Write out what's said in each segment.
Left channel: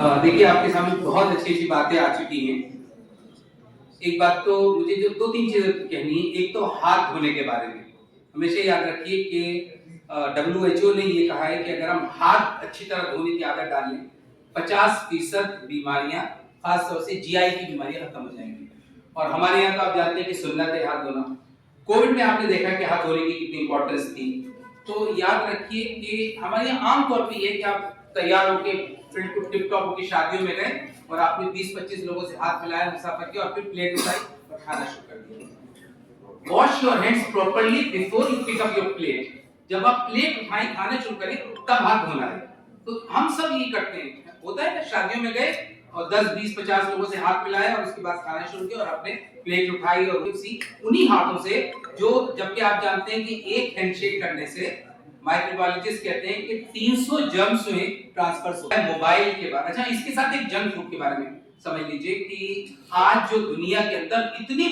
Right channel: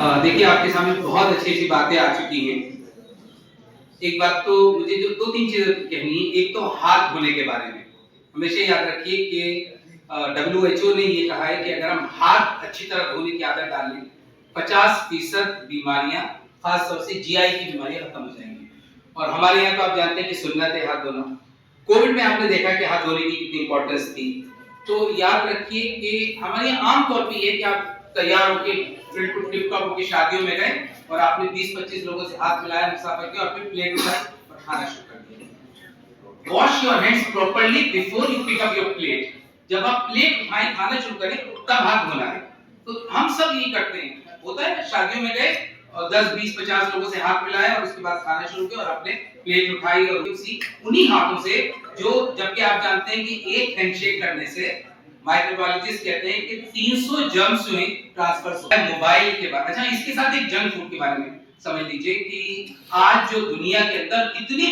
देखिए आपके सामने बहुत अच्छी अच्छी बातें आ चुकी हैं। एक बात तो मुझे जो दो तीन चीजें कहनी है। एक तो हाथ धोने के बारे में हमेशा याद रखिए कि WHO ने ये कहा है कि अगर हम हाथ अच्छी तरह धोने की आदत डाल लें 50% बीमारियां खासतौर से जीआई की बीमारियां खत्म हो जाएंगी। और हमारे यहाँ तो आप जानते हैं कि सुन्नत है हाथ धोना। कोविड में आपने देखा कि हाथ धोने की कितनी इंपॉर्टेंस थी। तो याद रखिए कि हमारे यहाँ आमतौर पर ये कि आप तैयार होके टिप टॉप होके शादियों में गए और आपने 20-25 लोगों से हाथ मिलाया, मुसाफा किया और फिर प्लेट उठाई और खाना शुरू कर दिया। Wash your hands properly before you pick up your plate. जब आप प्लेट उठाएं खाना शुरू करें तब हाथ धोना है। तो हम सब यही करते हैं। होता है ना, शादियों में गए और 10-20-50 लोगों से हाथ मिलाया और उसके बाद खाना शुरू किया और आपने प्लेट उठाई और उसी उन्हीं हाथों से जो, जबकि आप जानते हैं कि एक हैंडशेक करने से माइक्रोबायोलॉजिस्ट कहते हैं कि 300 जर्म्स जो हैं ट्रांसफर होते हैं मोबाइल के बाद। अच्छा, इसके साथ एक जंक फूड के बारे में समझ लीजिए कि आज जो दुनिया के अंदर इतनी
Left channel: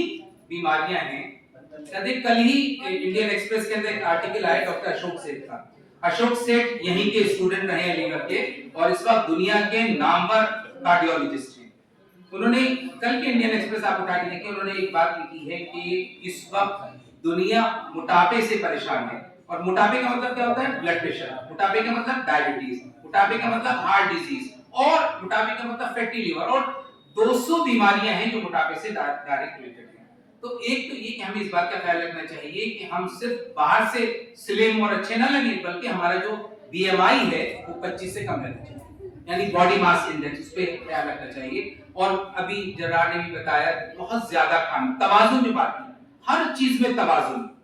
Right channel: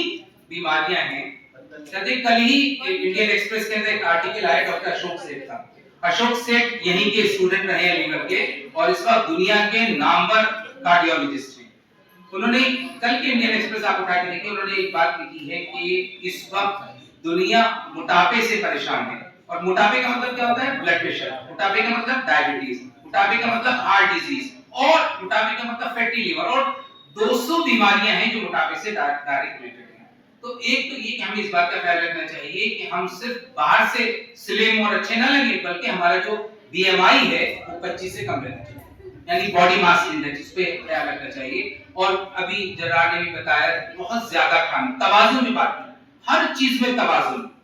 बीमारियां हैं। कहते कल ही इंडियन एक्सप्रेस के अंदर एक आर्टिकल आया डॉक्टर अशोक सेठ का। अशोक सेठ यहीं के स्टूडेंट रहे हैं अलीगढ़ के और इस वक्त दुनिया के नामवर कार्डियोलॉजिस्ट हैं। उन्होंने कल के इंडियन एक्सप्रेस आप उठा के देखिए, उन्होंने एक बात लिखी है कि इस वक्त दुनिया मोटापे से परेशान है। और मोटापे का मतलब क्या होता है? Blood pressure. मोटापे का मतलब डायबिटीज। मोटापे का मतलब हार्ट डिजीज। और मोटापे का मतलब फैटी लिवर। और 200 बीमारियां हैं जो मोटापे से डायरेक्ट रिलेटेड हैं। तो एक तो ये कि हमें इस बात का ख्याल रखना चाहिए कि हम सिर्फ बाहर से स्लिम और अच्छे ना लगे, बल्कि हमारा जो बीएमआई है वो 25 से कम रहना चाहिए, यानी बॉडी मास इंडेक्स, इस पे ख्याल रखना चाहिए। और अभी जरार ने भी बताया बहुत ज्यादा खाना, तवाज़ुन जो बात है, हर चीज में तवाज़ुन।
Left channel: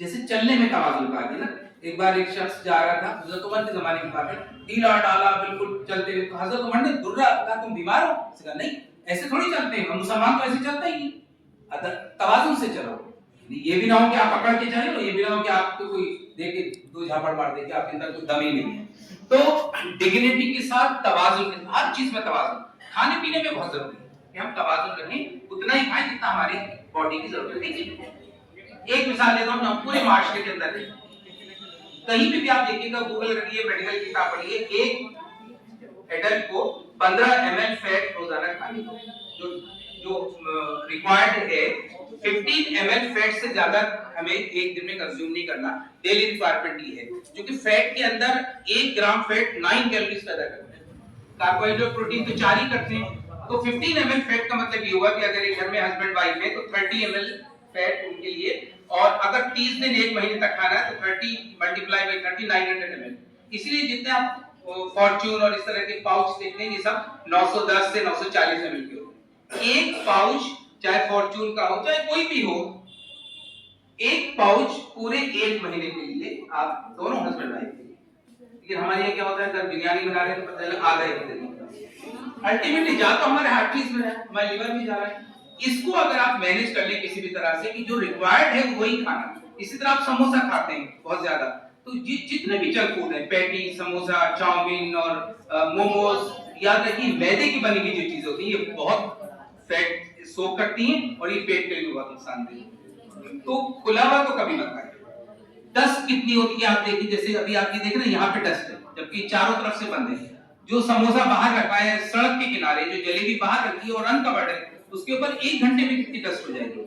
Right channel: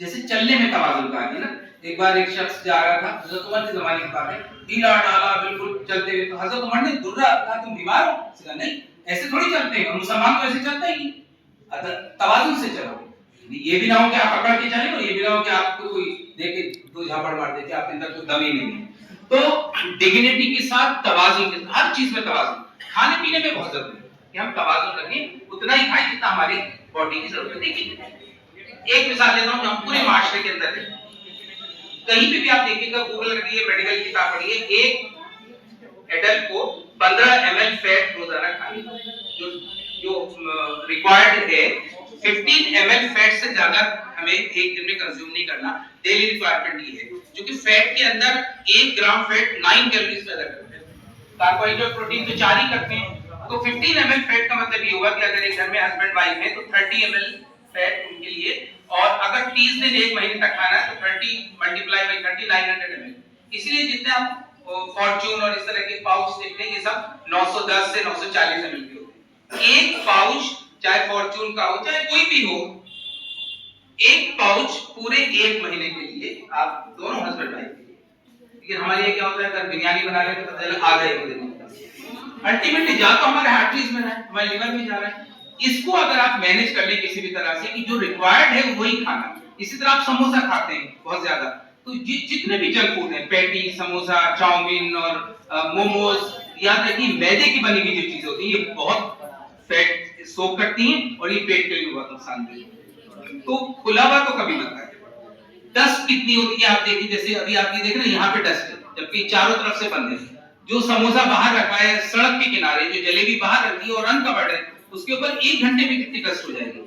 जैसे चलने में तवाज़ुन कहा है ना। एक बार एक शख्स जा रहा था, हजरत उमर के जमाने की बात है, ढीला डाला बिल्कुल चलते हुए, तो हजरत उमर ने दुर्रा कहा तुम बीमार हो? उसने कहा नहीं, ऐसे थोड़ी चलते हैं, मुसलमान तो ऐसे चलता ही। तवाज़ुन से चलो, ये भी ना हो कि आप पकड़ के चले और ये भी ना हो कि आपको कोई देख के दो झापड़ मार दे कि आपके अंदर कोई दम ही नहीं है। तो डिग्निटी के साथ तवाज़ुन के साथ, हर चीज में तवाज़ुन। खाने पीने में बहुत जरूरी है कि हम तवाज़ुन रखें, उतना ही खाएं जितना हमारी बॉडी की जरूरत है। देखिए एक मिसाल देता हूं, जो पूरे माशरे के अंदर है, कहीं पे भी आप देखिएगा, गूगल करिए, मेडिकल किताब पढ़िए, एक एडल्ट को 15 ml फैट रोजाना खानी है। जो जो रिक्वायर्ड है 15 ml फैट से ज्यादा हमें एक दिन में कंज्यूम नहीं करना। डेली रिक्वायरमेंट ये है, जो कि फैट के अंदर 1 ग्राम फैट 9 कैलोरीज पैदा करता है। कार्बोहाइड्रेट प्रोटीन तो 4 ही करते हैं। तो 15 ml फैट का मतलब ये हुआ कि अगर एक घर में हस्बैंड वाइफ है तो 30 ml फैट उनके लिए। और अगर 30 दिन एक महीने तक खाना है तो 30 मल्टीप्लाई बाय 30 900 ml। इसलिए जितने आप फॉर्च्यून और इस तरह के पाउच देखते हैं, ये सब 910 से 940 ml के होते हैं। एक पाउच, चाहे फॉर्च्यून का हो चाहे कोई भी हो, एक पाउच पूरे एक महीने के लिए, आप दोनों हस्बैंड वाइफ के लिए। लेकिन हमारे लिए क्या होता है, अगर बिरयानी बना लेते तो पता आधा एक दिन अल्टीमेटली जा तो हमारे हार्टरीज में है, हमारे लिवर में जा रहा है। इसको अगर आप मैनेज कर ले किसी भी तरह से कि जो रिक्वायर्ड है वही खाना। इसी तरह आप समोसा खाते हैं बहुत ज्यादा, तो जितने भी जंक फूड है, पैटी, समोसा, चाउमीन और मोमोज, याद रखिए मैदे की बनी हुई जो चीजें होती है ये बहुत फैट सोख करती हैं और ये पेट के लिए बहुत नुकसानदेह है। तो खुला हुआ तो कभी मत खाइए। डस्ट कितनी होती है आप देखिए, जैसे अभी आप ये देख रहे हैं यहाँ पे डस्ट है जबकि चारों तरफ से बंद है। जो समोसा बाहर रखा है सड़क के किनारे, जो जलेबी बाहर रखी है और अनकवर्ड है, उसके ऊपर 1 घंटे में कितनी डस्ट हो जाएगी,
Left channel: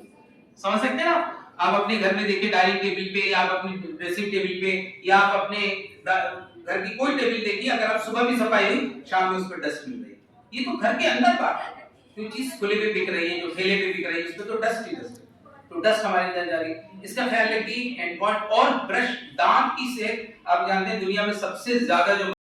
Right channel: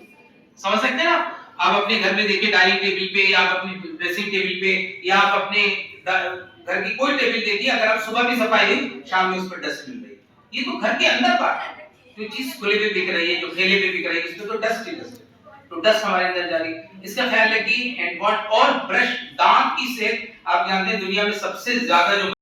समझ सकते हैं आप? आप अपने घर में देखिए, डाइनिंग टेबल पे या आप अपनी ड्रेसिंग टेबल पे या आप अपने घर की कोई टेबल देखिए, अगर आप सुबह भी सफाई हुई शाम में उस पर डस्ट मिल रही है। ये तो घर के अंदर बात है। जो चीज खुले पे बिक रही है, जो ठेले पे बिक रही है, उसमें तो डस्ट ही डस्ट है। तो डस्ट हमारे अंदर जा रही है। इसका ख्याल रखिए। हैंड वॉश और ब्रश, दांत की सेहत, आप जानते हैं दुनिया में सबसे ज्यादा जो